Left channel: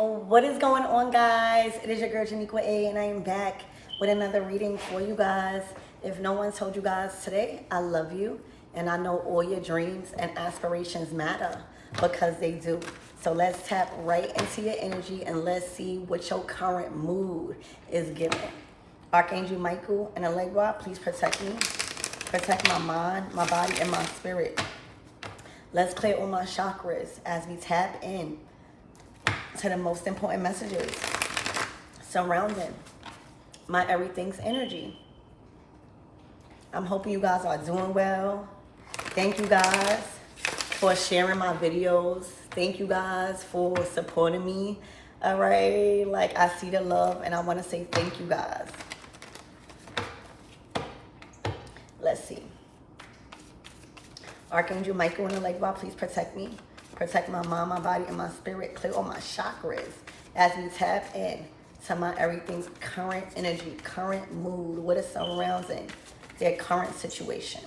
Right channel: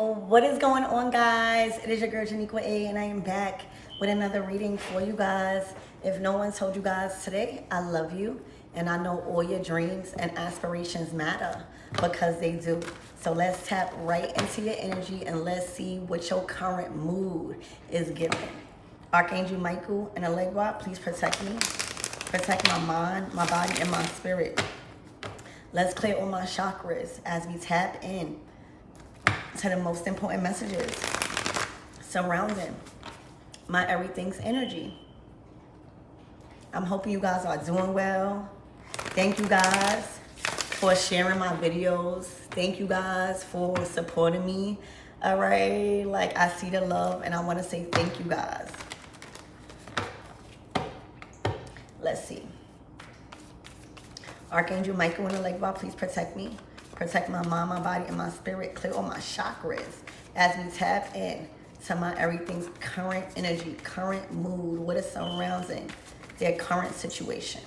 What is going on, guys? It is your girl Janiqua A, and I am back with another reading for you guys. If no one told you guys today, I love you, and I know all your dreams and aspirations matter because they do. So let's tap right into your energy and let's see what your current mood is giving. Archangel Michael and Allegra, please protect me. Protect my mind, my body, and my spirit. Let's clear all my chakras as we tap in to the most important messages surrounding my everything's energy. I'm hoping you guys are doing well. Thank you guys for sharing my videos. Thank you guys for supporting me. All right, like I see the love and I want to say thank you guys. Let's see. Archangel Michael and Allegra, please protect me. Protect my mind, my body, and my spirit. Clear all my chakras as we tap in to my everything's current energy, current mood, what is surrounding their current situation.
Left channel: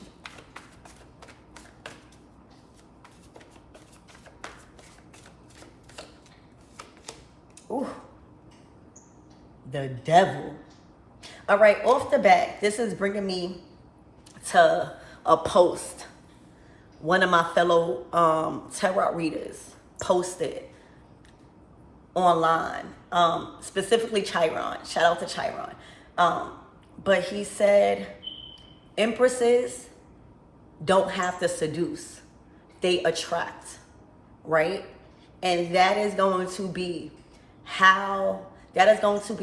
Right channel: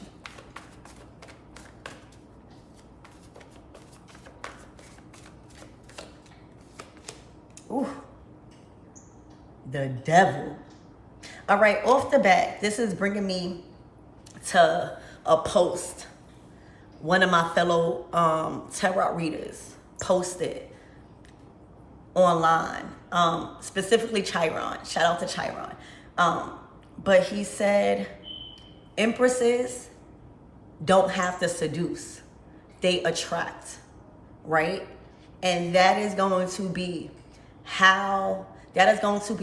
Ooh, the devil. All right, off the bat, this is bringing me to a post one of my fellow tarot readers posted online, specifically Chiron. Shout out to Chiron. But he said, empresses don't have to seduce. They attract, right? And that is going to be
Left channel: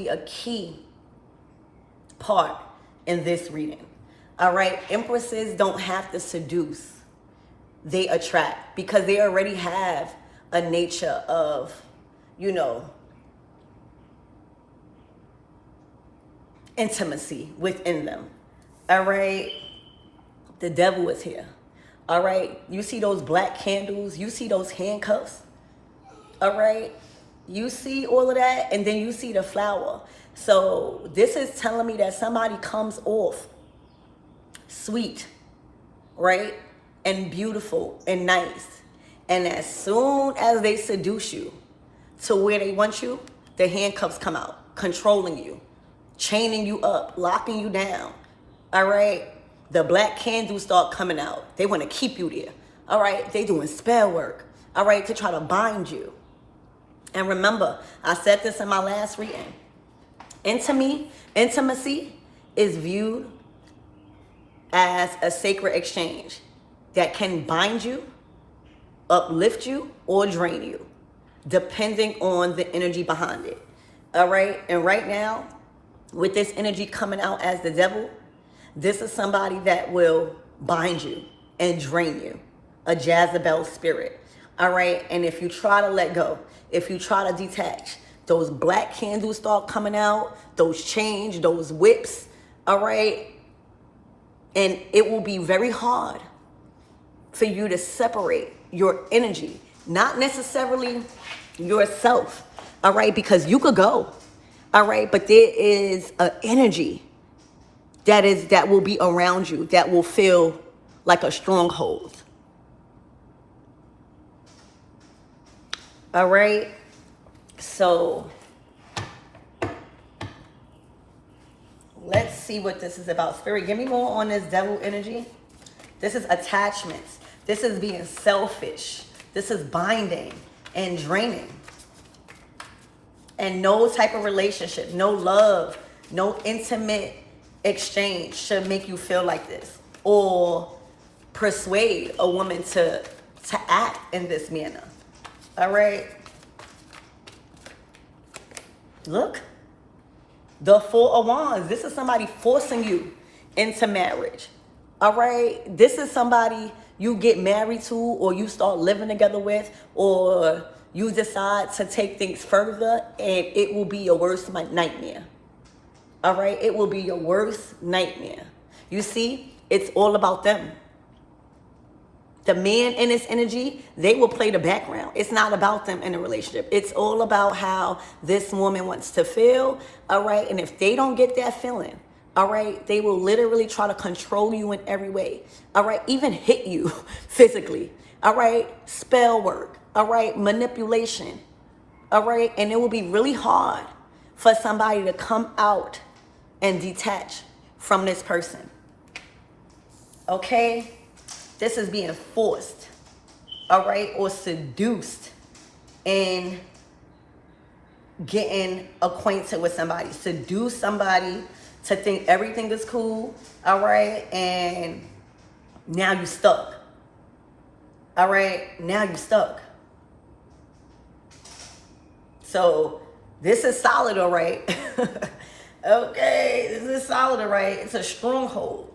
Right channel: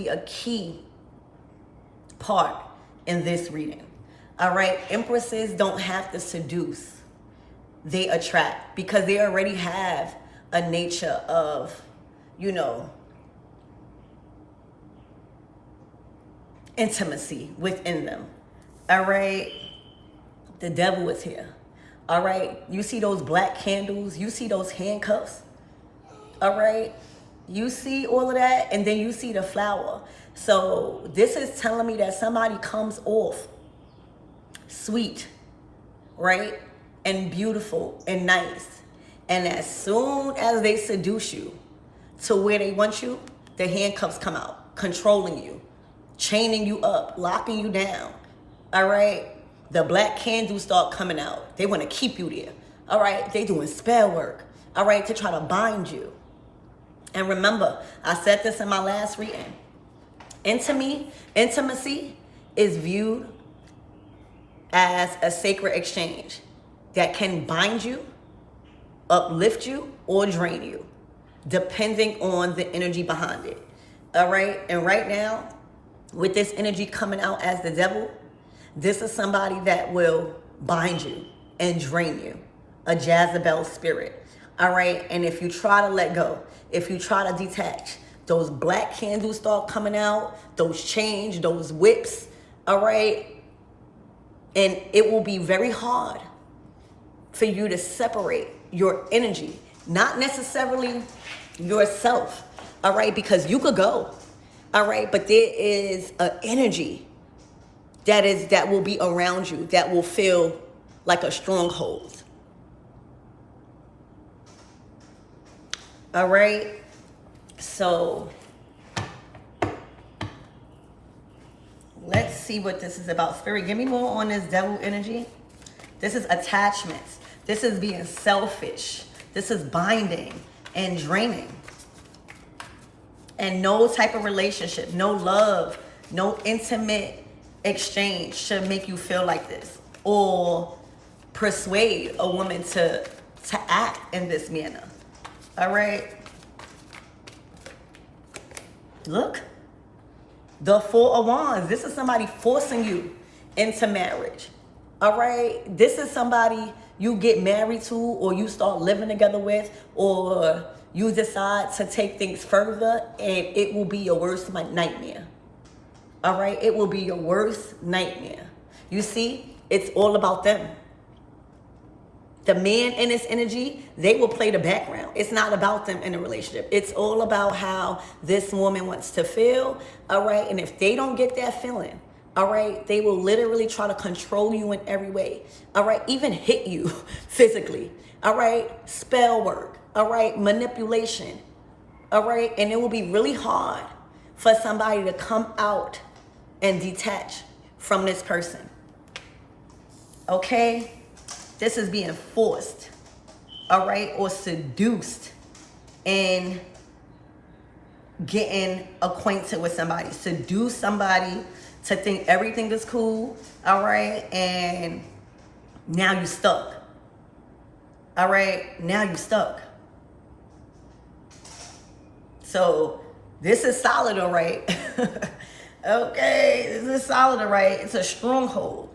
a key part in this reading. All right, empresses don't have to seduce. They attract because they already have a nature of, intimacy within them. All right, the devil is here. All right, you see those black candles, you see those handcuffs. All right, you see all of that, and then you see the flower. So this is telling me that somebody comes off sweet, right? And beautiful and nice. And as soon as they seduce you to where they want you, the handcuffs come out, controlling you, chaining you up, locking you down. All right. The black candles start coming out. They want to keep you there. All right. They doing spell work. All right. To try to bind you. And remember, I said this in my last reading. Intimacy is viewed as a sacred exchange that can bind you, uplift you, or drain you, depending on the energy behind it. All right? And right now, with this energy coming out as the devil, this is somebody that will bind you and drain you, a Jezebel spirit. All right? And if you try to let go, if you try to detach, those black candles start coming out, those chains, those whips, all right? And it will be very hard for you to separate your energy, not necessarily yourself, all right? Because you could go, all right? But there is an energy that will be around you that will feel like a stronghold. All right? So let's see what this is about. Spirit, give me more on this devil energy. This is attachments. This is being selfish. This is binding and draining. And no type of relationship, no love, no intimate exchange should make you feel like this or persuade a woman to act in this manner. All right? Look. The Four of Wands. This is somebody forcing you into marriage. All right? This is somebody you get married to or you start living together with, or you decide to take things further, and it will be your worst nightmare. All right? It will be your worst nightmare. You see, it's all about them. The man in his energy, they will play the background. It's not about them in a relationship. It's all about how this woman wants to feel, all right? And if they don't get that feeling, all right, they will literally try to control you in every way, all right? Even hit you physically, all right? Spell work, all right? Manipulation, All right. And it will be really hard for somebody to come out and detach from this person. Okay. This is being forced. All right. Or seduced in getting acquainted with somebody. Seduce somebody to think everything is cool. All right. And now you stuck. All right. Now you stuck. So this is solid, all right. Okay, this is solid, all right. It's a stronghold.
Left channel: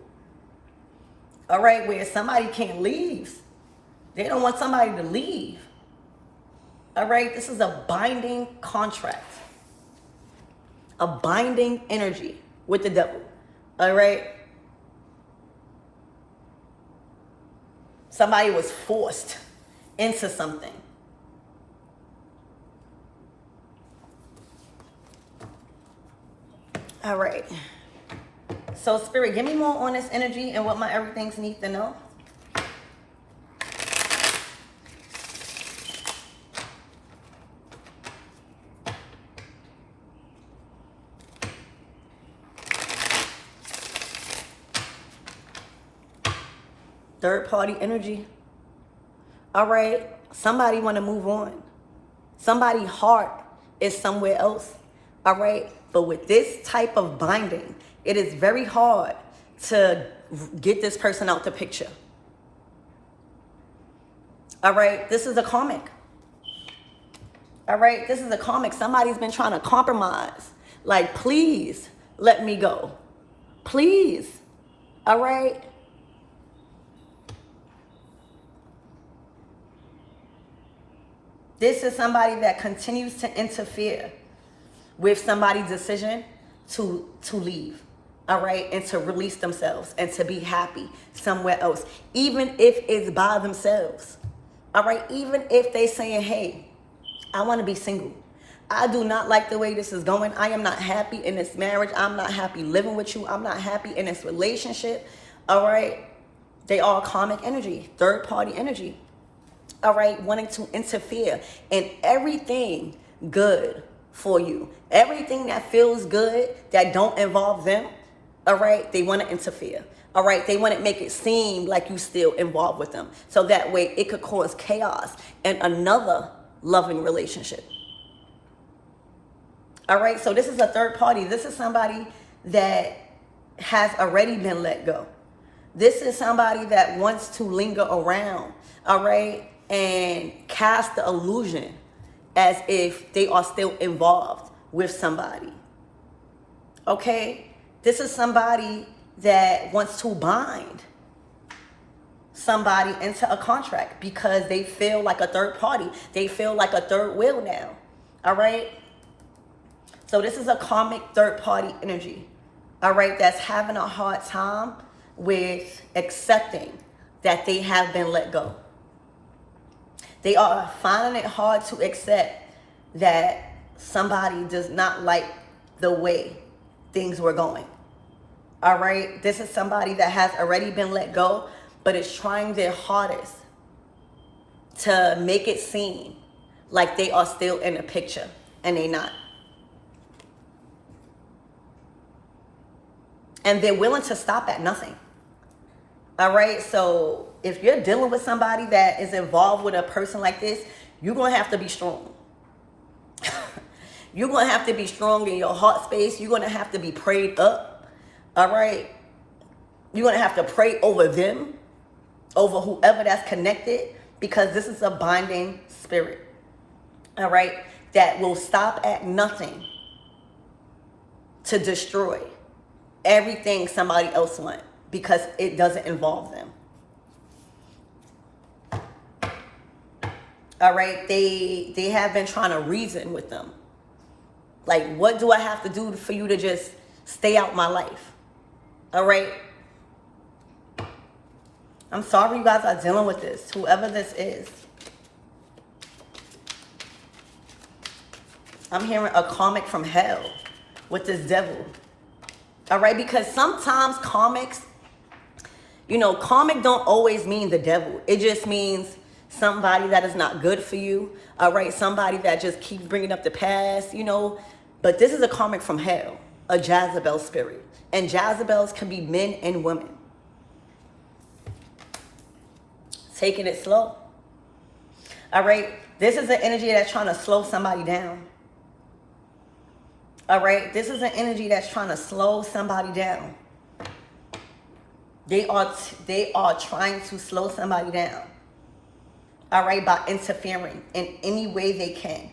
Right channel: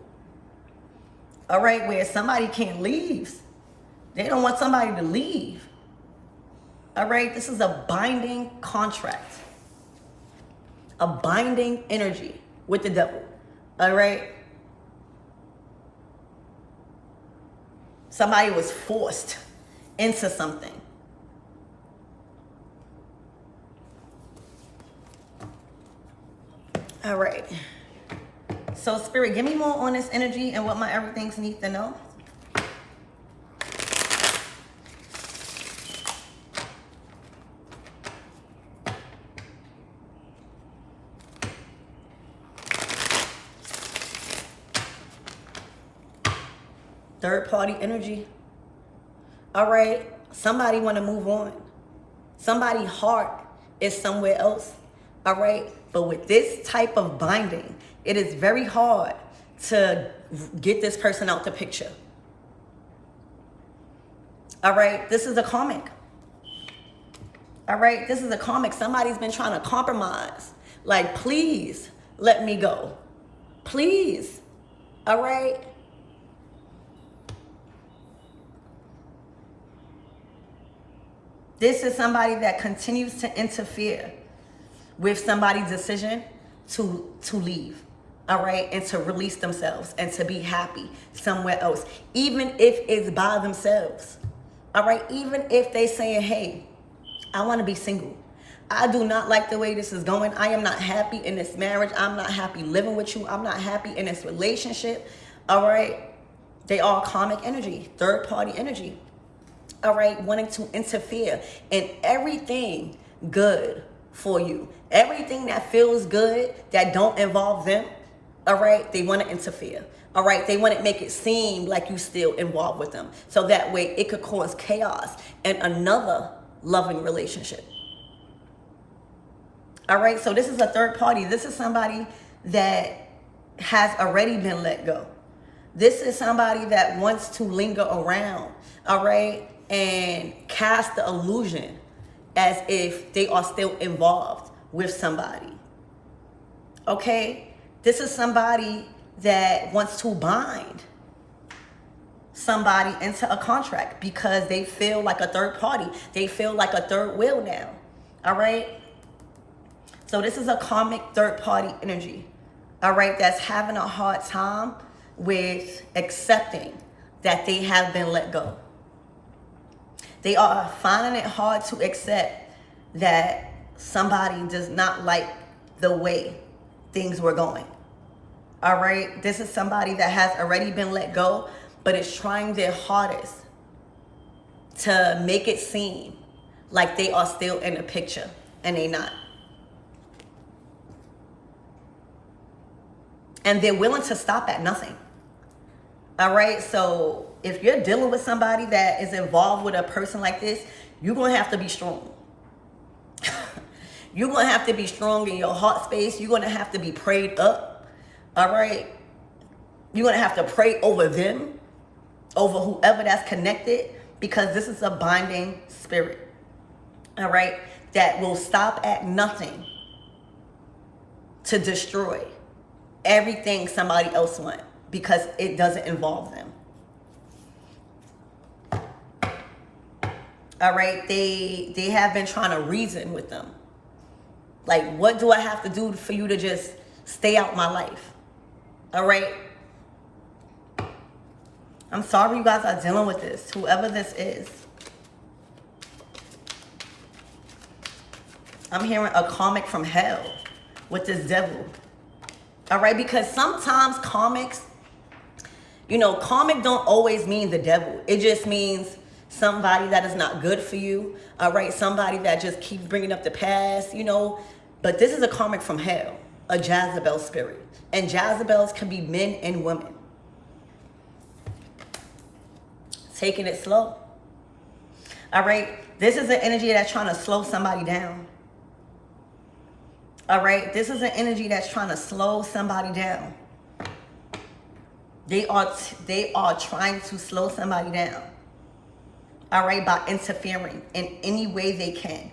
All right, where somebody can't leave. They don't want somebody to leave. All right, this is a binding contract. A binding energy with the devil. All right. Somebody was forced into something. All right. So, Spirit, give me more on this energy and what my everythings need to know. Third party energy. All right. Somebody want to move on. Somebody's heart is somewhere else. All right. But with this type of binding, it is very hard to get this person out the picture. All right. This is a karmic. All right. This is a karmic. Somebody's been trying to compromise. Like, please let me go. Please. All right. This is somebody that continues to interfere with somebody's decision to leave, all right, and to release themselves and to be happy somewhere else, even if it's by themselves, all right, even if they saying, hey, I want to be single. I do not like the way this is going. I am not happy in this marriage. I'm not happy living with you. I'm not happy in this relationship, all right. They are karmic energy, third party energy, all right, wanting to interfere in everything good for you. Everything that feels good that don't involve them, all right, they want to interfere. All right, they want to make it seem like you still involved with them. So that way it could cause chaos in another loving relationship. All right, so this is a third party. This is somebody that has already been let go. This is somebody that wants to linger around, all right, and cast the illusion as if they are still involved with somebody. Okay? This is somebody that wants to bind somebody into a contract because they feel like a third party. They feel like a third wheel now. All right? So this is a karmic third party energy. All right? That's having a hard time with accepting that they have been let go. They are finding it hard to accept that somebody does not like the way things were going. All right. This is somebody that has already been let go, but is trying their hardest to make it seem like they are still in the picture, and they're not. And they're willing to stop at nothing. All right. So if you're dealing with somebody that is involved with a person like this, you're going to have to be strong. You're going to have to be strong in your heart space. You're going to have to be prayed up. All right. You're going to have to pray over them, over whoever that's connected, because this is a binding spirit. All right. That will stop at nothing to destroy everything somebody else wants because it doesn't involve them. All right. They have been trying to reason with them. Like, what do I have to do for you to just stay out my life? All right. I'm sorry you guys are dealing with this, whoever this is. I'm hearing a karmic from hell with this devil. All right, because sometimes karmics, karmic don't always mean the devil. It just means somebody that is not good for you, all right? Somebody that just keeps bringing up the past, you know. But this is a karmic from hell, a Jezebel spirit. And Jezebels can be men and women. Taking it slow. All right? This is an energy that's trying to slow somebody down. All right? This is an energy that's trying to slow somebody down. They are trying to slow somebody down. All right? By interfering in any way they can.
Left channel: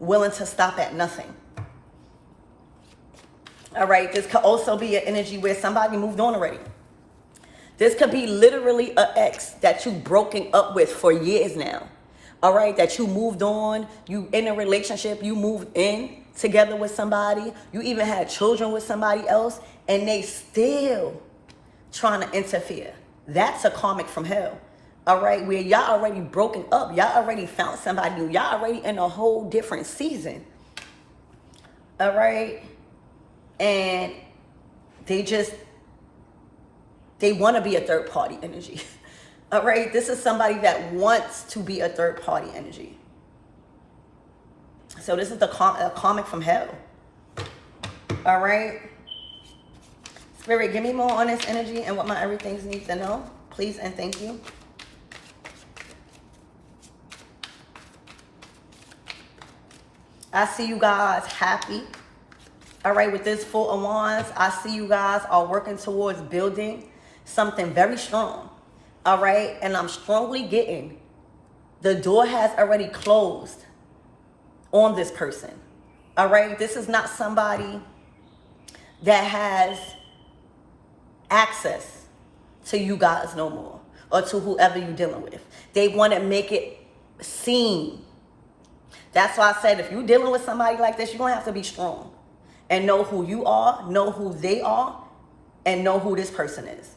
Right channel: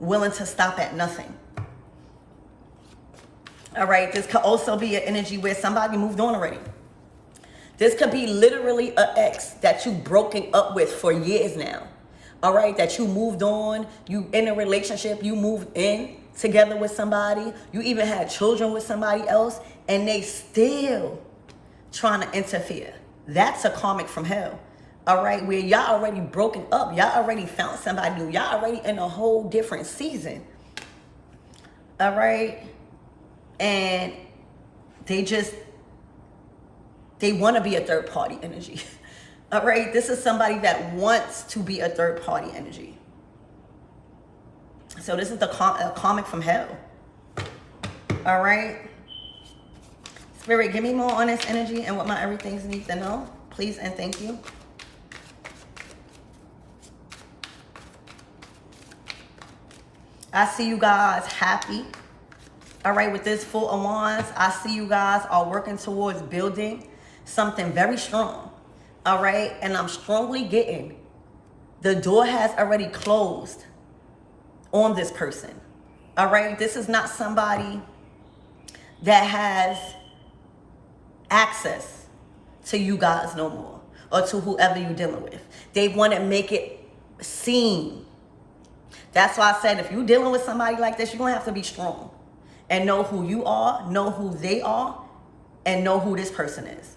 Willing to stop at nothing. All right? This could also be an energy where somebody moved on already. This could be literally an ex that you broken up with for years now. All right, that you moved on, you in a relationship, you moved in together with somebody, you even had children with somebody else, and they still trying to interfere. That's a karmic from hell. All right, where y'all already broken up, y'all already found somebody new, y'all already in a whole different season. All right, and they want to be a third party energy. All right, this is somebody that wants to be a third party energy. So this is the karmic from hell. All right. Spirit, give me more on this energy and what my everythings need to know. Please and thank you. I see you guys happy. All right, with this Four of Wands, I see you guys are working towards building something very strong. All right, and I'm strongly getting the door has already closed on this person. All right, this is not somebody that has access to you guys no more, or to whoever you're dealing with. They want to make it seem. That's why I said if you're dealing with somebody like this, you're going to have to be strong and know who you are, know who they are, and know who this person is.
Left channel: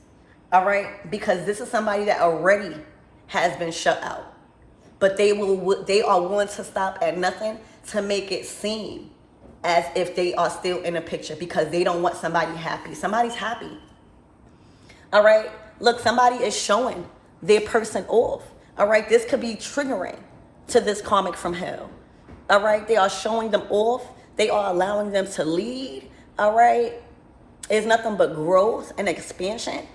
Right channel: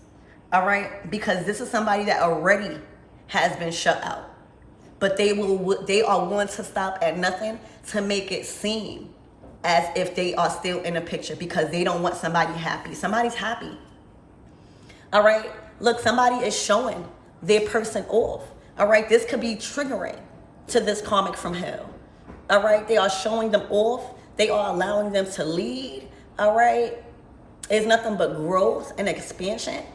All right, because this is somebody that already has been shut out, but they are willing to stop at nothing to make it seem as if they are still in a picture, because they don't want somebody happy. Somebody's happy. All right, look, somebody is showing their person off. All right, this could be triggering to this karmic from hell. All right, they are showing them off. They are allowing them to lead. All right, it's nothing but growth and expansion.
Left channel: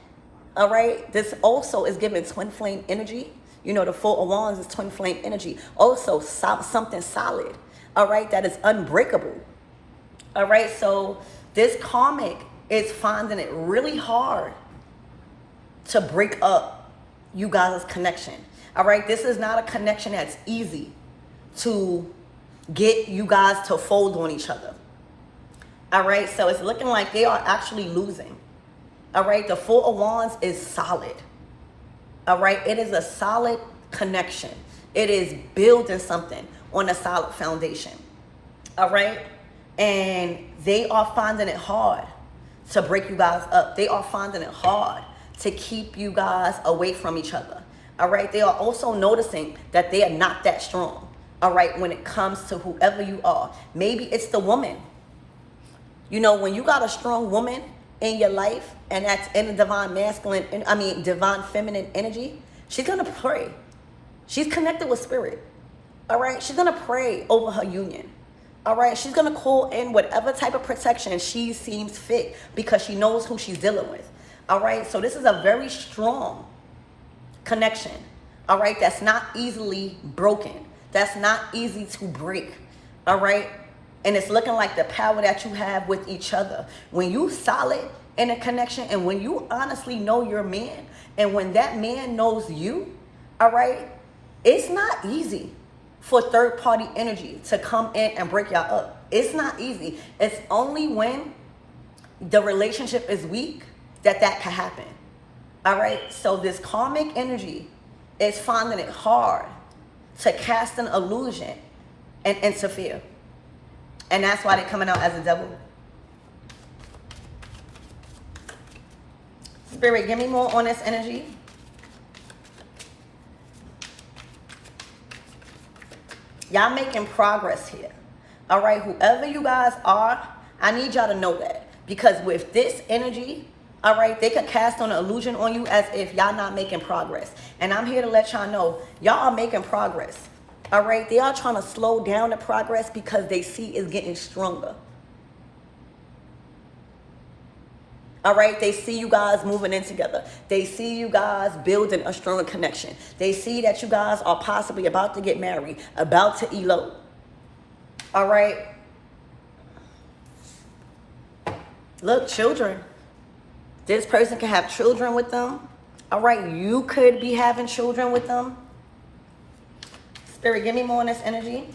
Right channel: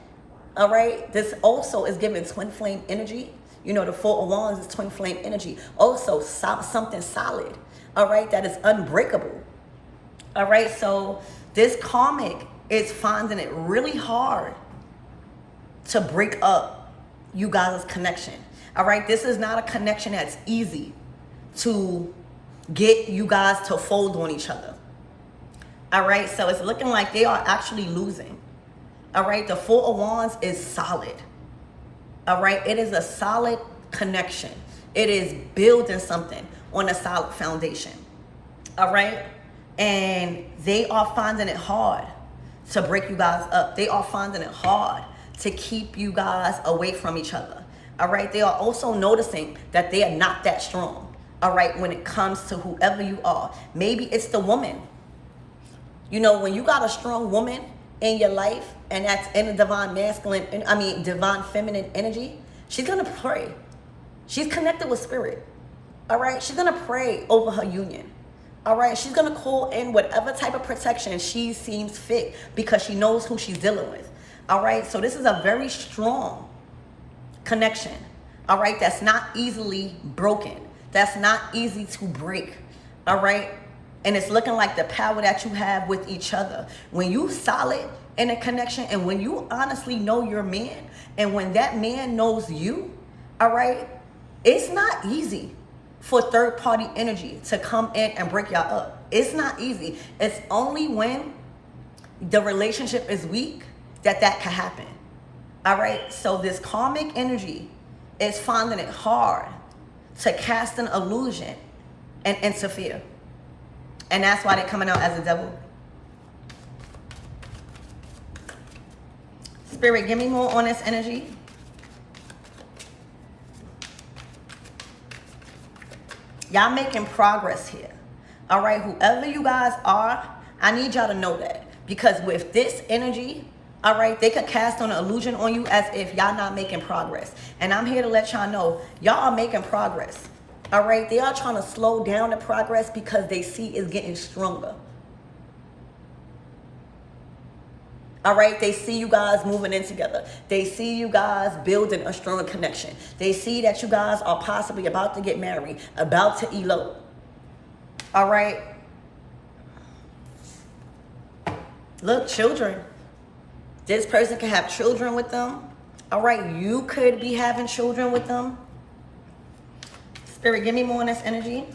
All right, this also is giving twin flame energy. You know, the Four of Wands is twin flame energy. Also, something solid, all right, that is unbreakable. All right, so this karmic is finding it really hard to break up you guys' connection. All right, this is not a connection that's easy to get you guys to fold on each other. All right, so it's looking like they are actually losing. All right, the Four of Wands is solid. All right, it is a solid connection. It is building something on a solid foundation. All right, and they are finding it hard to break you guys up. They are finding it hard to keep you guys away from each other. All right, they are also noticing that they are not that strong. All right, when it comes to whoever you are. Maybe it's the woman. You know, when you got a strong woman in your life, and that's in the divine divine feminine energy, she's gonna pray. She's connected with spirit. All right, she's gonna pray over her union. All right, she's gonna call in whatever type of protection she seems fit, because she knows who she's dealing with. All right, so this is a very strong connection. All right, that's not easily broken. That's not easy to break. All right, and it's looking like the power that you have with each other. When you solid in a connection, and when you honestly know your man, and when that man knows you, all right, it's not easy for third party energy to come in and break y'all up. It's not easy. It's only when the relationship is weak that can happen. All right, so this karmic energy is finding it hard to cast an illusion and interfere. And that's why they're coming out as a devil. Spirit, give me more on this energy. Y'all making progress here. All right, whoever you guys are, I need y'all to know that. Because with this energy, All right, they could cast on an illusion on you as if y'all not making progress. And I'm here to let y'all know, y'all are making progress. All right, they are trying to slow down the progress because they see it's getting stronger. All right, they see you guys moving in together. They see you guys building a stronger connection. They see that you guys are possibly about to get married, about to elope. All right. Look, children. This person can have children with them. All right, you could be having children with them. Spirit, give me more on this energy.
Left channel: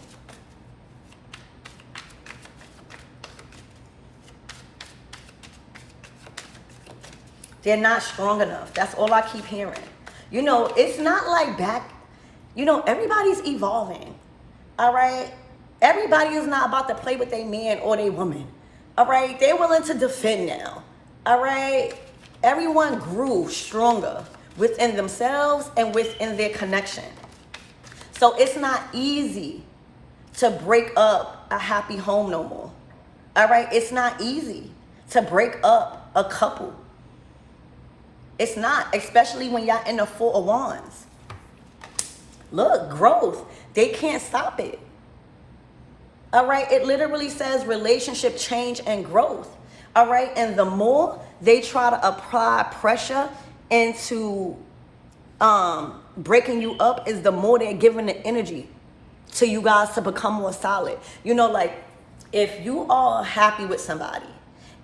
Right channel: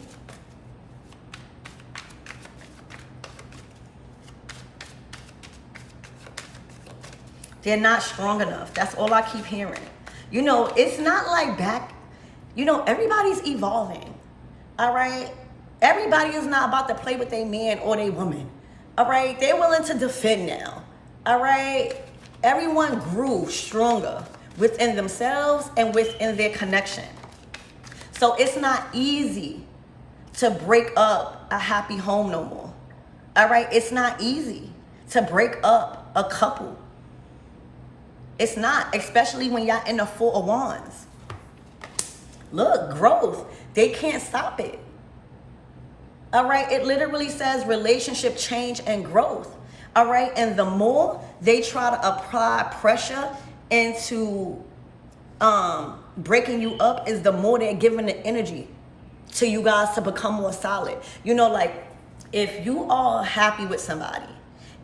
They're not strong enough. That's all I keep hearing. You know, it's not like back, you know, everybody's evolving. All right? Everybody is not about to play with their man or their woman. All right? They're willing to defend now. All right? Everyone grew stronger within themselves and within their connection. So it's not easy to break up a happy home no more. All right? It's not easy to break up a couple. It's not, especially when y'all in the Four of Wands. Look, growth. They can't stop it. All right? It literally says relationship change and growth. All right? And the more they try to apply pressure into breaking you up is the more they're giving the energy to you guys to become more solid. You know, like if you are happy with somebody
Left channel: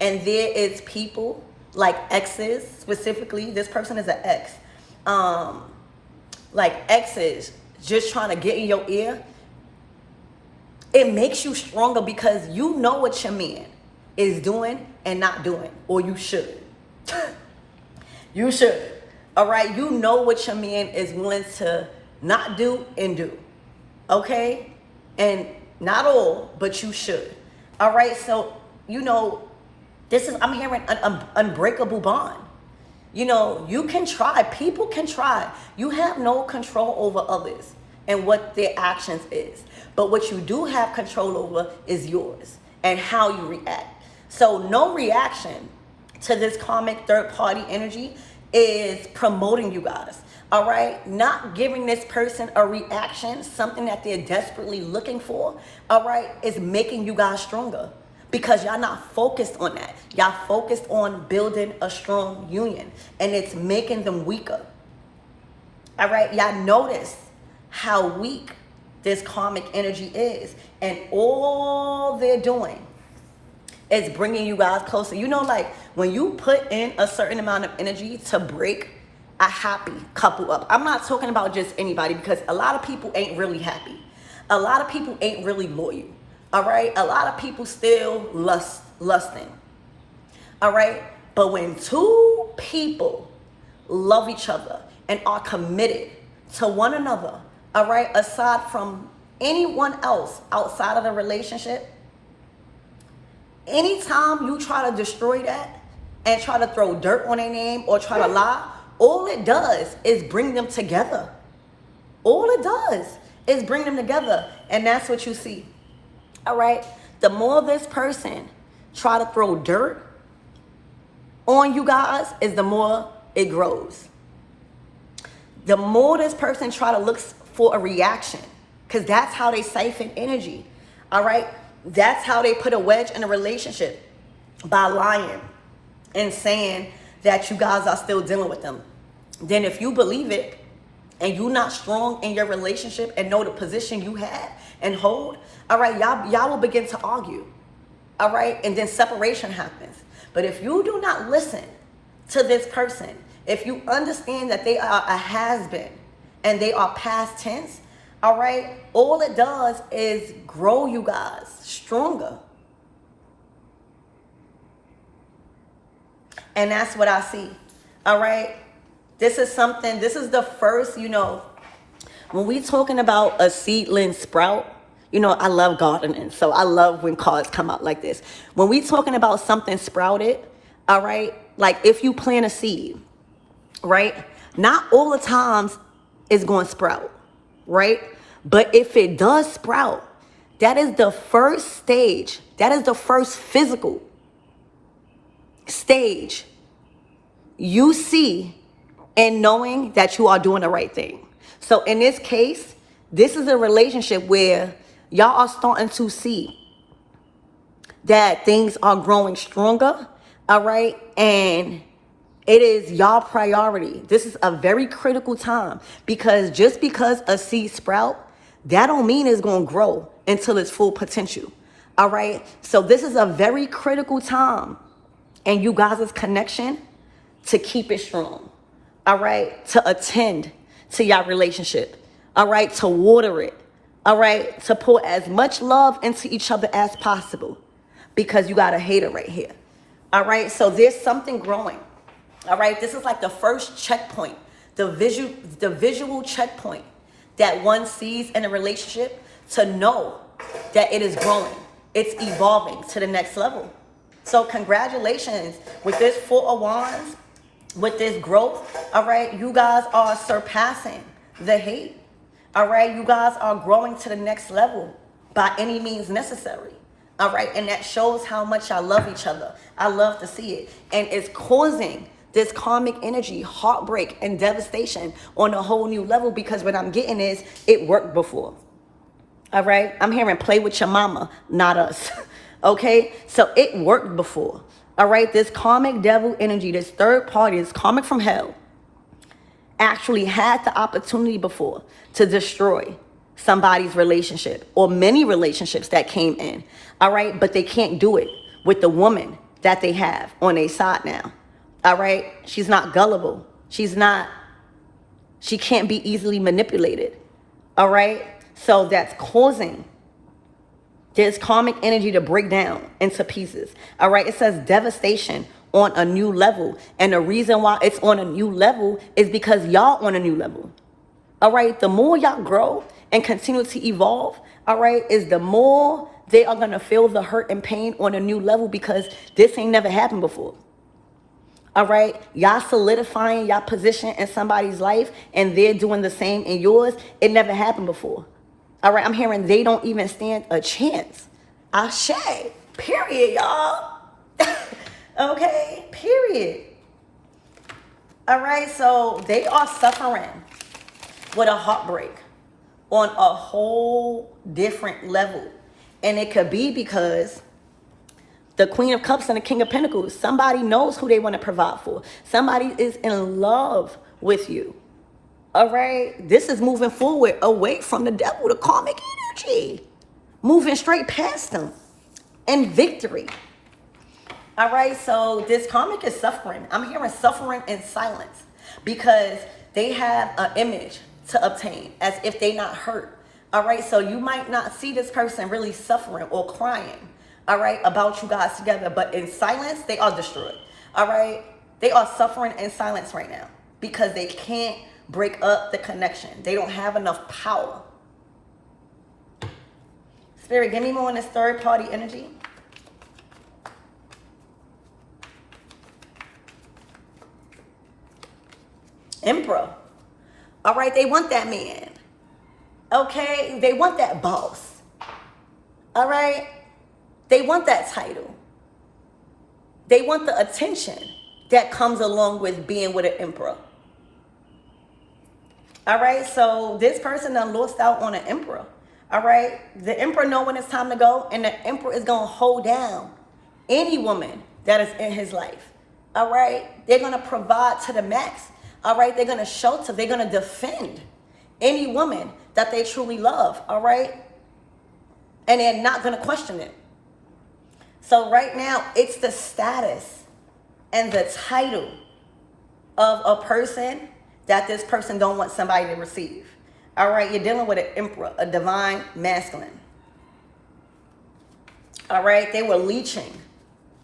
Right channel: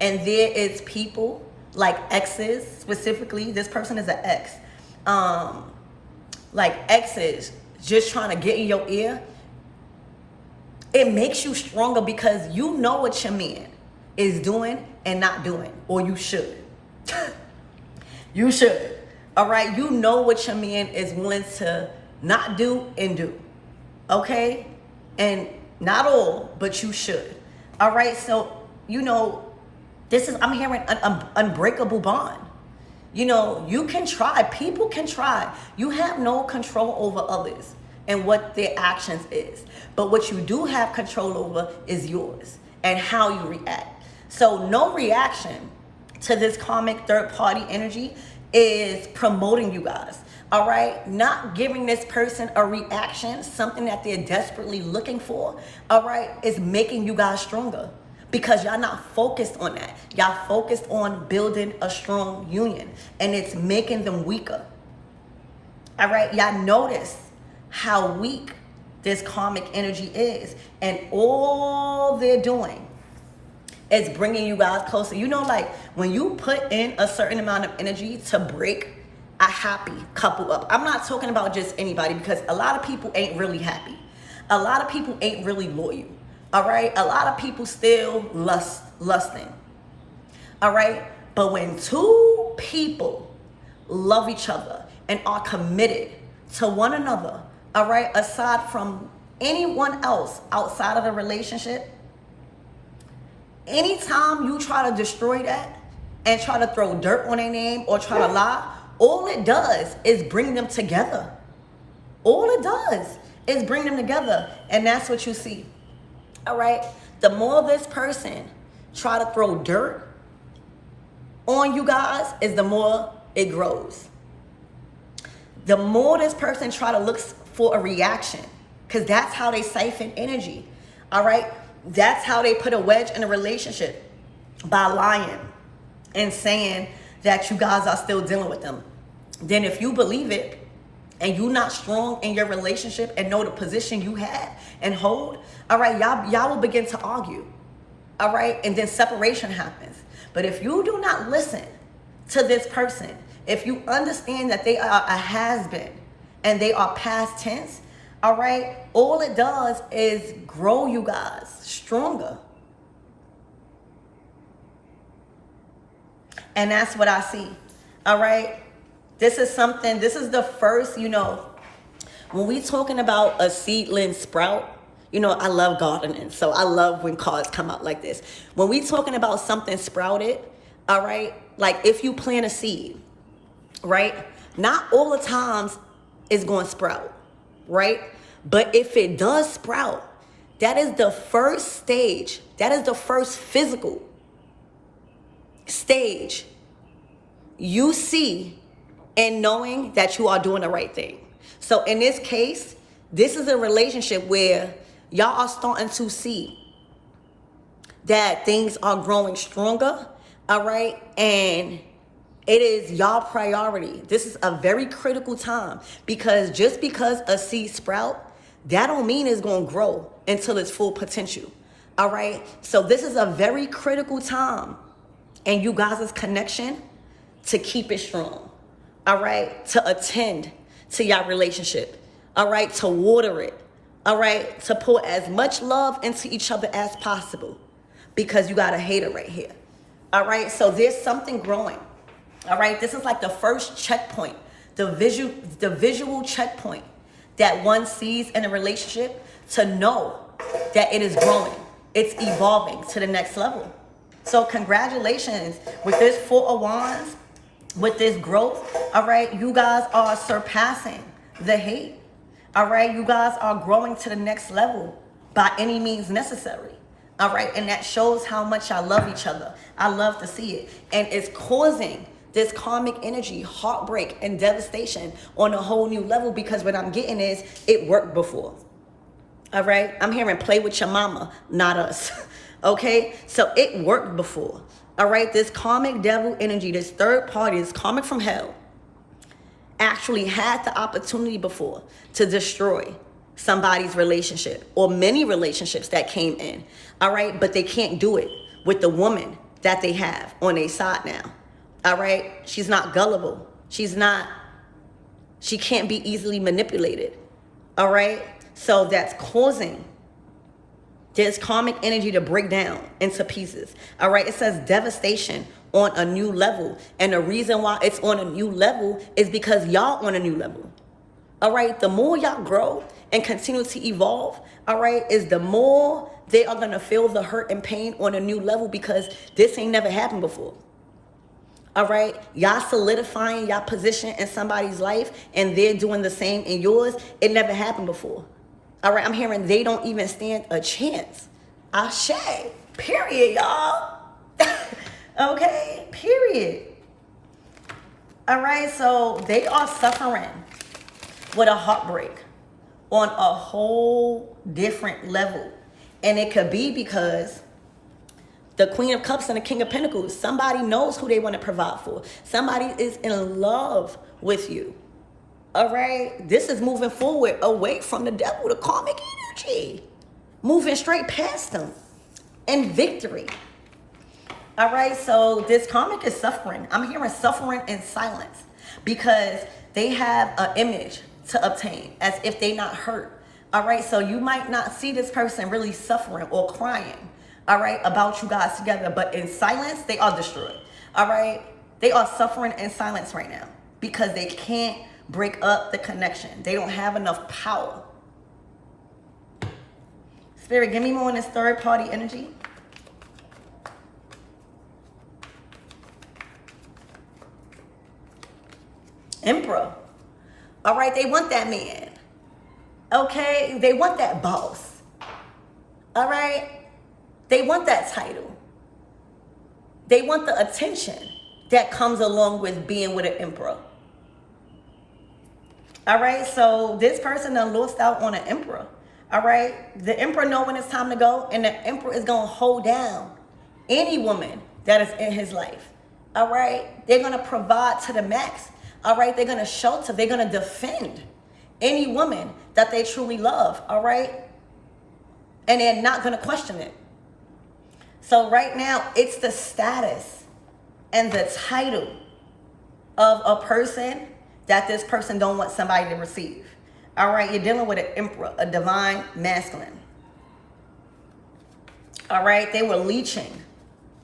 and there is people like exes, specifically, this person is an ex. Like exes just trying to get in your ear. It makes you stronger because you know what your man is doing and not doing, or you should. You should. All right, you know what your man is willing to not do and do. Okay? And not all, but you should. All right, so, you know, this is, I'm hearing an unbreakable bond. You know, you can try. People can try. You have no control over others and what their actions is. But what you do have control over is yours and how you react. So no reaction to this karmic third party energy is promoting you guys. All right? Not giving this person a reaction, something that they're desperately looking for. All right? Is making you guys stronger. Because y'all not focused on that. Y'all focused on building a strong union. And it's making them weaker. All right? Y'all notice how weak this karmic energy is. And all they're doing is bringing you guys closer. You know, like when you put in a certain amount of energy to break a happy couple up. I'm not talking about just anybody because a lot of people ain't really happy. A lot of people ain't really loyal. All right, a lot of people still lusting. All right, but when two people love each other and are committed to one another, all right, aside from anyone else outside of the relationship, anytime you try to destroy that and try to throw dirt on their name or try to lie, all it does is bring them together. All it does is bring them together, and that's what you see. All right, the more this person try to throw dirt on you guys is the more it grows. The more this person try to look for a reaction, because that's how they siphon energy. All right, that's how they put a wedge in a relationship, by lying and saying that you guys are still dealing with them. Then if you believe it and you're not strong in your relationship and know the position you had and hold, all right, y'all will begin to argue, all right? And then separation happens. But if you do not listen to this person, if you understand that they are a has-been and they are past tense, all right, all it does is grow you guys stronger. And that's what I see, all right? This is the first, you know, when we talking about a seedling sprout, you know, I love gardening, so I love when cards come out like this. When we talking about something sprouted, all right, like if you plant a seed, right, not all the times it's going to sprout, right? But if it does sprout, that is the first stage. That is the first physical stage you see and knowing that you are doing the right thing. So in this case, this is a relationship where y'all are starting to see that things are growing stronger, all right? And it is y'all priority. This is a very critical time, because just because a seed sprout, that don't mean it's going to grow until its full potential, all right? So this is a very critical time in you guys' connection to keep it strong, all right? To attend to your relationship, all right? To water it, all right? To pour as much love into each other as possible, because you got a hater right here, all right? So there's something growing, all right? This is like the first checkpoint, the visual checkpoint that one sees in a relationship to know that it is growing, it's evolving to the next level. So congratulations with this Four of Wands, with this growth, all right? You guys are surpassing the hate, all right? You guys are growing to the next level by any means necessary, all right? And that shows how much I love each other. I love to see it. And it's causing this karmic energy, heartbreak, and devastation on a whole new level, because what I'm getting is it worked before, all right? I'm hearing play with your mama, not us, okay? So it worked before, all right? This karmic devil energy, this third party, this karmic from hell, actually had the opportunity before to destroy somebody's relationship or many relationships that came in, all right? But they can't do it with the woman that they have on their side now, all right? She's not gullible. She can't be easily manipulated, all right? So that's causing this karmic energy to break down into pieces, all right? It says devastation on a new level. And the reason why it's on a new level is because y'all on a new level, all right? The more y'all grow and continue to evolve, all right, is the more they are going to feel the hurt and pain on a new level, because this ain't never happened before, all right? Y'all solidifying y'all position in somebody's life and they're doing the same in yours. It never happened before, all right? I'm hearing they don't even stand a chance. Ashe, period, y'all. Okay, period. All right, so they are suffering with a heartbreak on a whole different level. And it could be because the Queen of Cups and the King of Pentacles, somebody knows who they want to provide for. Somebody is in love with you. All right, this is moving forward away from the devil, the karmic energy, moving straight past them in victory. All right, so this karmic is suffering. I'm hearing suffering in silence, because they have an image to obtain as if they not hurt. All right, so you might not see this person really suffering or crying, all right, about you guys together, but in silence, they are destroyed. All right, they are suffering in silence right now because they can't break up the connection. They don't have enough power. Spirit, give me more on this third party energy. Emperor. All right, they want that man. Okay, they want that boss. All right, they want that title. They want the attention that comes along with being with an emperor. All right, so this person done lost out on an emperor. All right, the emperor know when it's time to go, and the emperor is gonna hold down any woman that is in his life. All right, they're gonna provide to the max. All right, they're gonna shelter, they're gonna defend any woman that they truly love. All right, and they're not gonna question it. So right now, it's the status and the title of a person that this person don't want somebody to receive. All right, you're dealing with an emperor, a divine masculine. All right, they were leeching,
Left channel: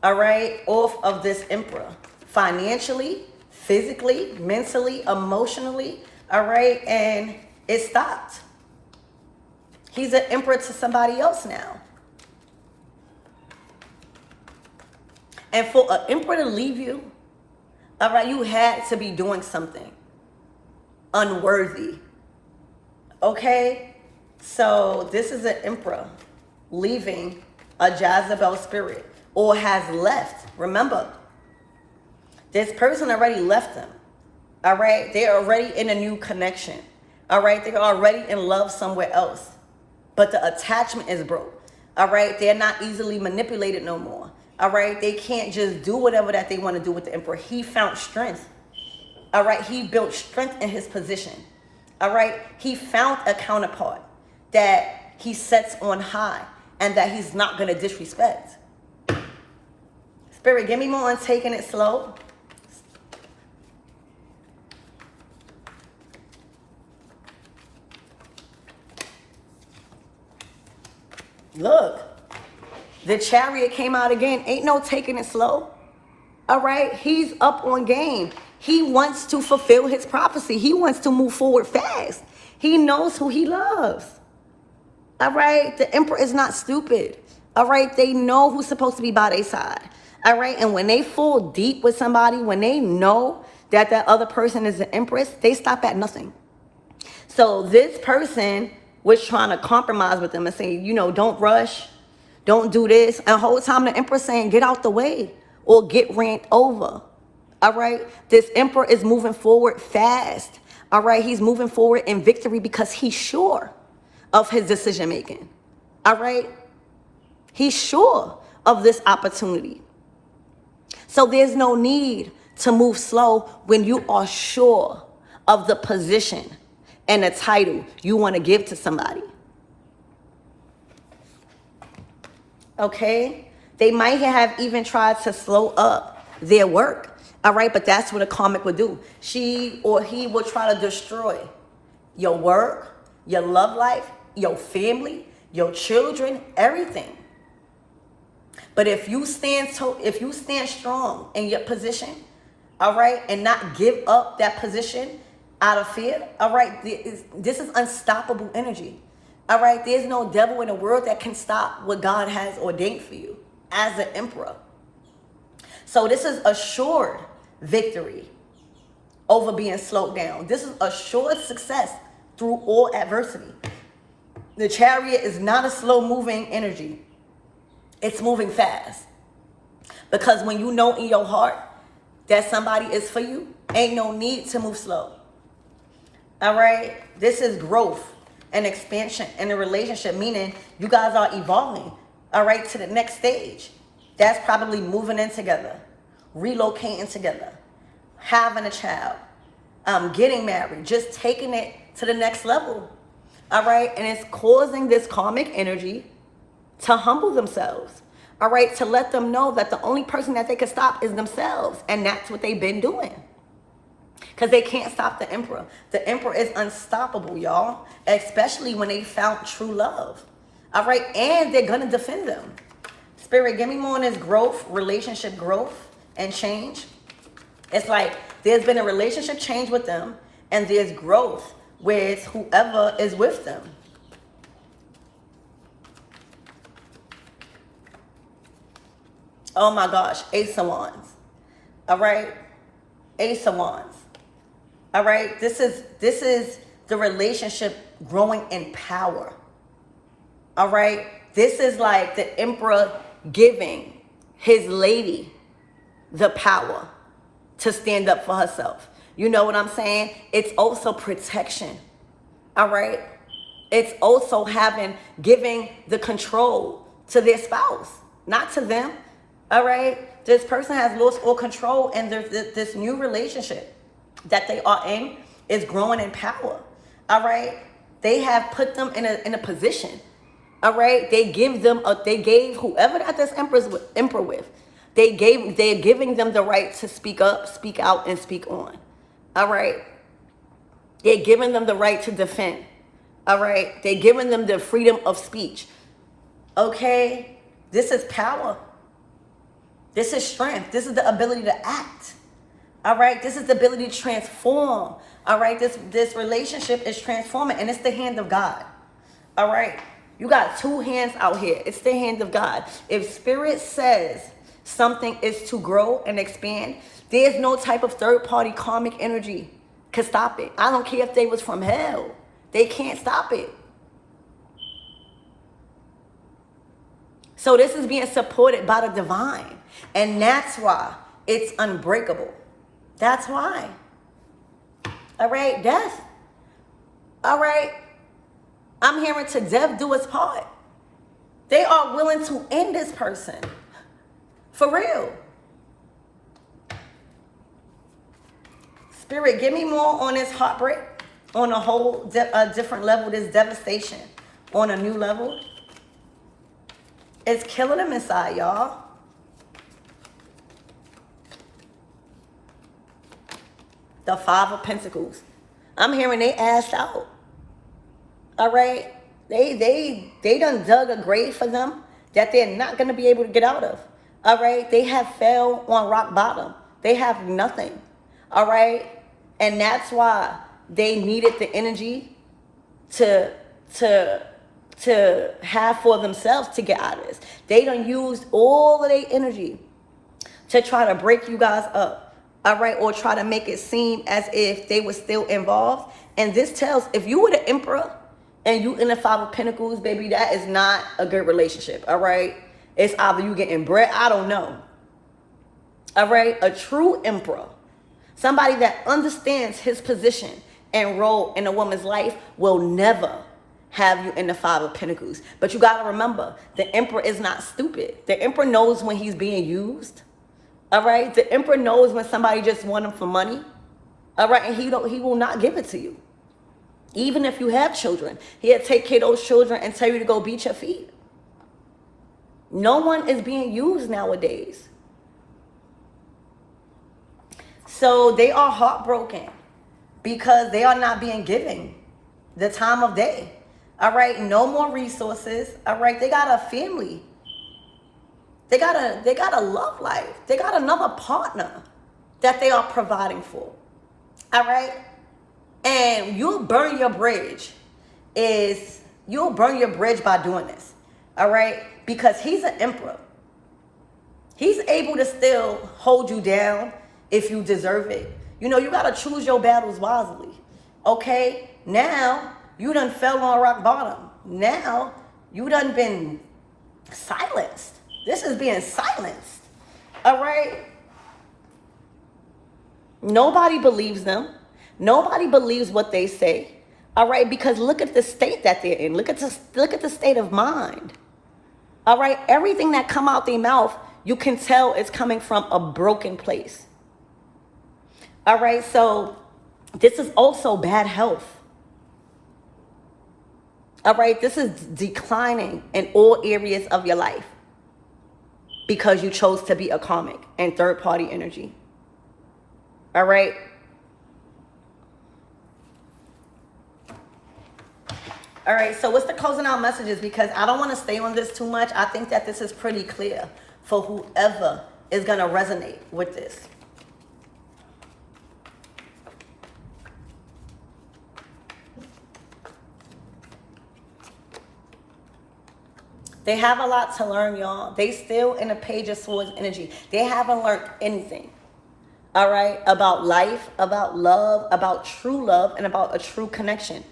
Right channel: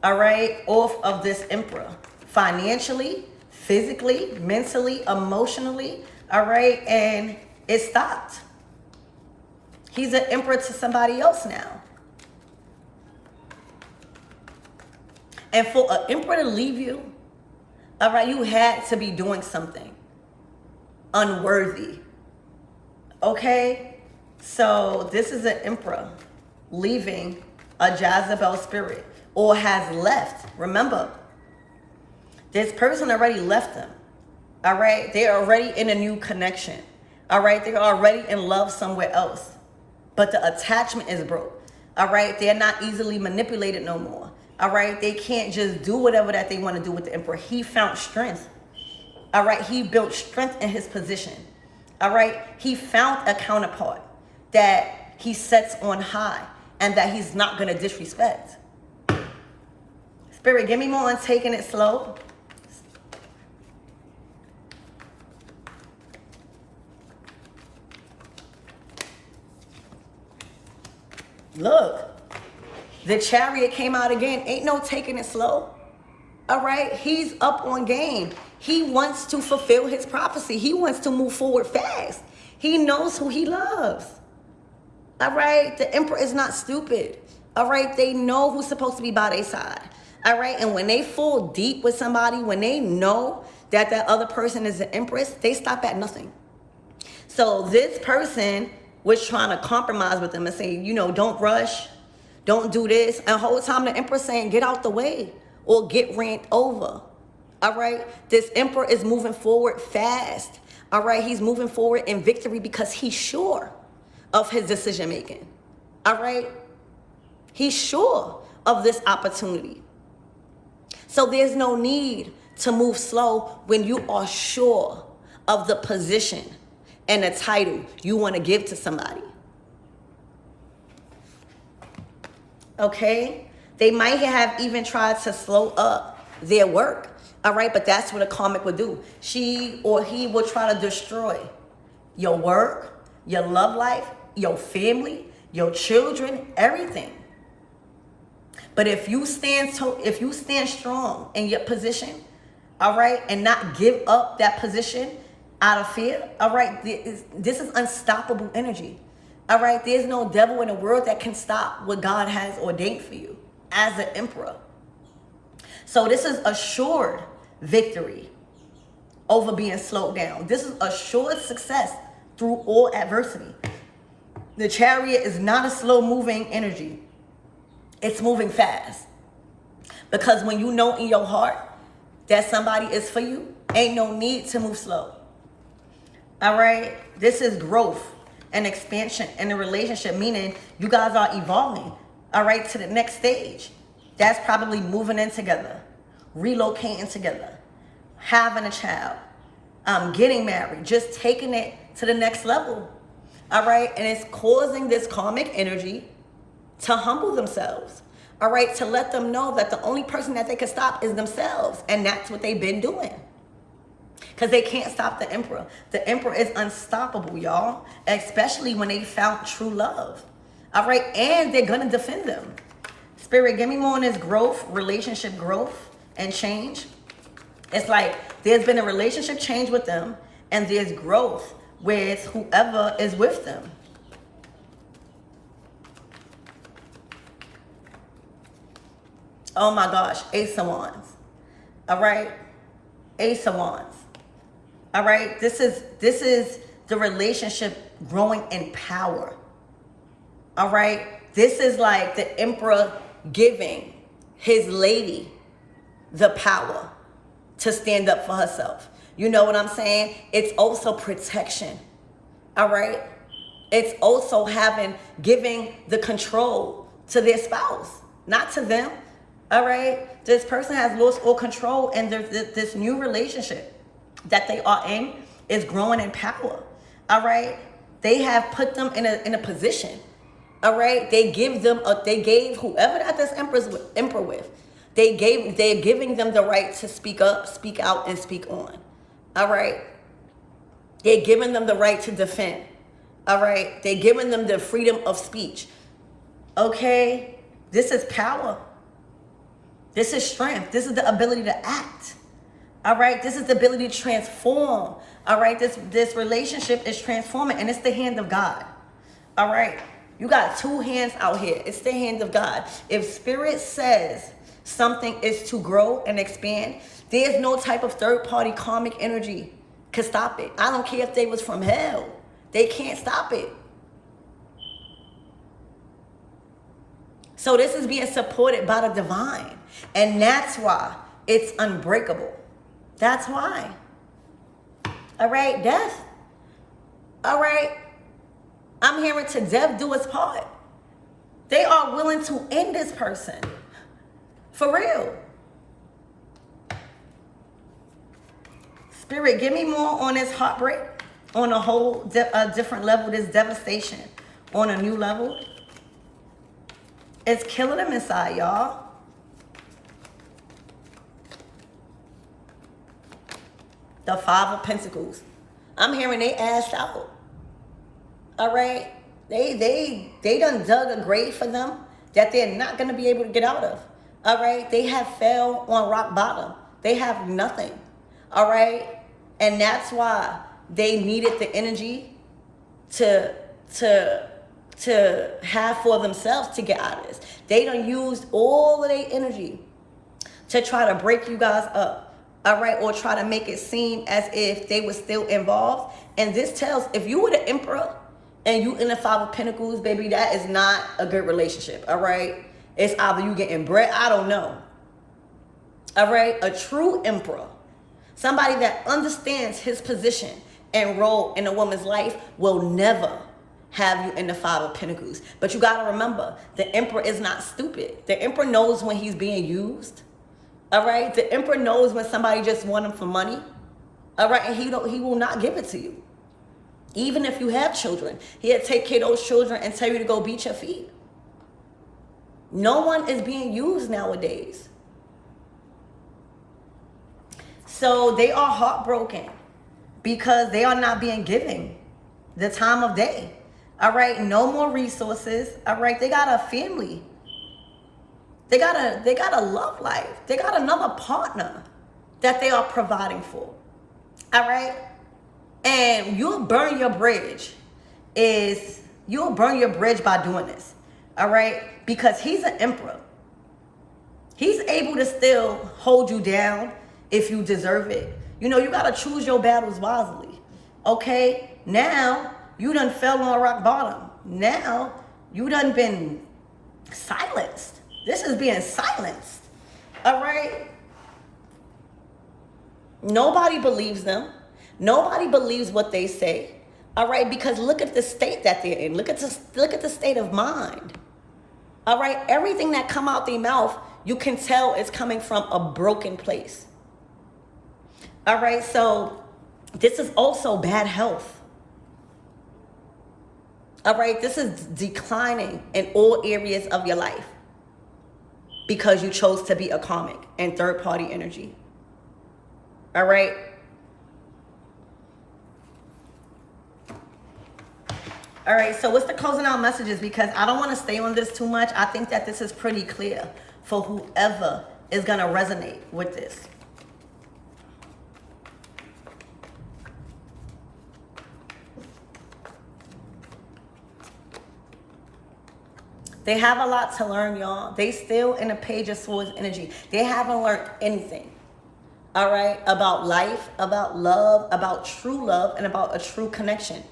all right, off of this emperor financially, physically, mentally, emotionally, all right, and it stopped. He's an emperor to somebody else now. And for an emperor to leave you, all right, you had to be doing something unworthy. Okay? So this is an emperor leaving a Jezebel spirit, or has left. Remember, This person already left them. All right? They're already in a new connection. All right? They're already in love somewhere else. But the attachment is broke. All right? They're not easily manipulated no more. All right? They can't just do whatever that they want to do with the Emperor. He found strength. All right? He built strength in his position. All right? He found a counterpart that he sets on high and that he's not going to disrespect. Spirit, give me more on taking it slow. Look, the Chariot came out again. Ain't no taking it slow. All right? He's up on game. He wants to fulfill his prophecy. He wants to move forward fast. He knows who he loves. All right? The Emperor is not stupid. All right? They know who's supposed to be by their side. All right? And when they fall deep with somebody, when they know that that other person is the Empress, they stop at nothing. So this person was trying to compromise with them and say, you know, don't rush, don't do this. And the whole time the Emperor saying, get out the way or get ran over. All right? This Emperor is moving forward fast. All right? He's moving forward in victory because he's sure of his decision making. All right? He's sure of this opportunity. So there's no need to move slow when you are sure of the position and the title you want to give to somebody. Okay? They might have even tried to slow up their work. All right? But that's what a karmic would do. She or he will try to destroy your work, your love life, your family, your children, everything. But if you stand strong in your position, all right, and not give up that position out of fear, all right, this is unstoppable energy. All right, there's no devil in the world that can stop what God has ordained for you as an emperor. So this is assured victory over being slowed down. This is assured success through all adversity. The Chariot is not a slow moving energy. It's moving fast. Because when you know in your heart that somebody is for you, ain't no need to move slow. All right? This is growth and expansion in the relationship, meaning you guys are evolving, all right, to the next stage. That's probably moving in together, relocating together, having a child, getting married, just taking it to the next level. All right? And it's causing this karmic energy to humble themselves, all right, to let them know that the only person that they can stop is themselves. And that's what they've been doing. Because they can't stop the Emperor. The Emperor is unstoppable, y'all, especially when they found true love. All right, and they're going to defend them. Spirit, give me more on this growth, relationship growth and change. It's like there's been a relationship change with them and there's growth with whoever is with them. Oh my gosh, Ace of Wands. All right? Ace of Wands. All right? This is the relationship growing in power. All right? This is like the Emperor giving his lady the power to stand up for herself. You know what I'm saying? It's also protection. All right? It's also giving the control to their spouse, not to them. All right? This person has lost all control, and this new relationship that they are in is growing in power. All right? They have put them in a position. All right? They gave whoever that this emperor with, they're giving them the right to speak up, speak out, and speak on. All right? They're giving them the right to defend. All right? They're giving them the freedom of speech. Okay? This is power. This is strength. This is the ability to act. All right? This is the ability to transform. All right? This relationship is transforming, and it's the hand of God. All right? You got two hands out here. It's the hand of God. If Spirit says something is to grow and expand, there's no type of third-party karmic energy could stop it. I don't care if they was from hell. They can't stop it. So this is being supported by the divine. And that's why it's unbreakable. That's why. All right, death. All right, I'm hearing to death do its part. They are willing to end this person. For real. Spirit, give me more on this heartbreak, on a whole different level, this devastation, on a new level. It's killing them inside, y'all. The Five of Pentacles. I'm hearing they assed out. All right? They done dug a grave for them that they're not going to be able to get out of. All right? They have fell on rock bottom. They have nothing. All right? And that's why they needed the energy to have for themselves to get out of this. They done used all of their energy to try to break you guys up. All right? Or try to make it seem as if they were still involved. And this tells, if you were the Emperor and you in the Five of Pentacles, baby, that is not a good relationship. All right? It's either you getting bread, I don't know. All right? A true Emperor, somebody that understands his position and role in a woman's life, will never have you in the Five of Pentacles. But you got to remember, the Emperor is not stupid. The Emperor knows when he's being used. All right? The Emperor knows when somebody just want him for money. All right? And he will not give it to you. Even if you have children, he'll take care of those children and tell you to go beat your feet. No one is being used nowadays. So they are heartbroken because they are not being given the time of day. All right, no more resources. All right, they got a family. They got a love life. They got another partner that they are providing for. All right, and you'll burn your bridge. You'll burn your bridge by doing this. All right, because he's an emperor. He's able to still hold you down if you deserve it. You know, you got to choose your battles wisely. Okay? Now, you done fell on rock bottom. Now, you done been silenced. This is being silenced. All right? Nobody believes them. Nobody believes what they say. All right? Because look at the state that they're in. Look at the state of mind. All right? Everything that come out their mouth, you can tell is coming from a broken place. All right, so this is also bad health. All right, this is declining in all areas of your life because you chose to be a karmic and third-party energy. All right. All right, so what's the closing out messages? Because I don't want to stay on this too much. I think that this is pretty clear for whoever is going to resonate with this. They have a lot to learn, y'all. They still in a Page of Swords energy. They haven't learned anything, all right, about life, about love, about true love, and about a true connection.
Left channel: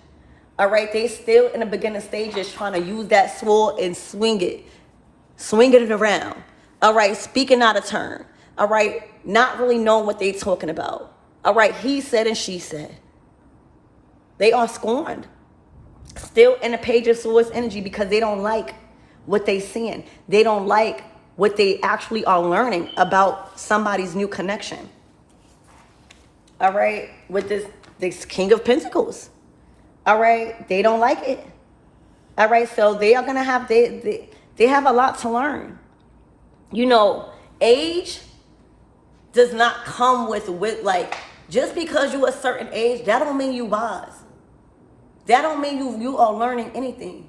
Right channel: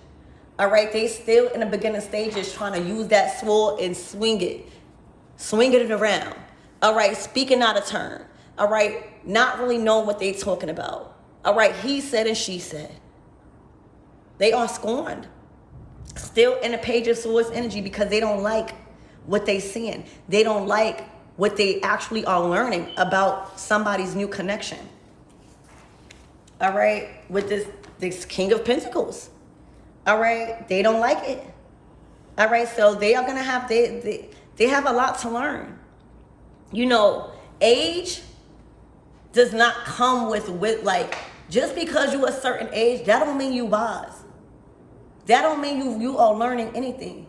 All right, they still in the beginning stages trying to use that sword and swing it around. All right, speaking out of turn. All right, not really knowing what they talking about. All right, he said and she said. They are scorned. Still in the Page of Swords energy because they don't like what they seeing. They don't like what they actually are learning about somebody's new connection. All right, with this King of Pentacles. All right, they don't like it. All right, so they are gonna have they have a lot to learn. You know, age does not come with like, just because you a certain age, that don't mean you wise. That don't mean you are learning anything.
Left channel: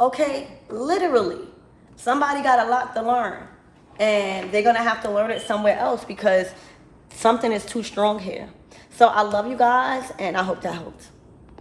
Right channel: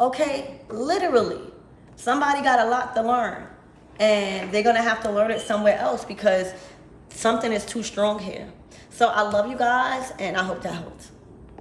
Okay, literally, somebody got a lot to learn, and they're gonna have to learn it somewhere else because something is too strong here. So I love you guys, and I hope that helped.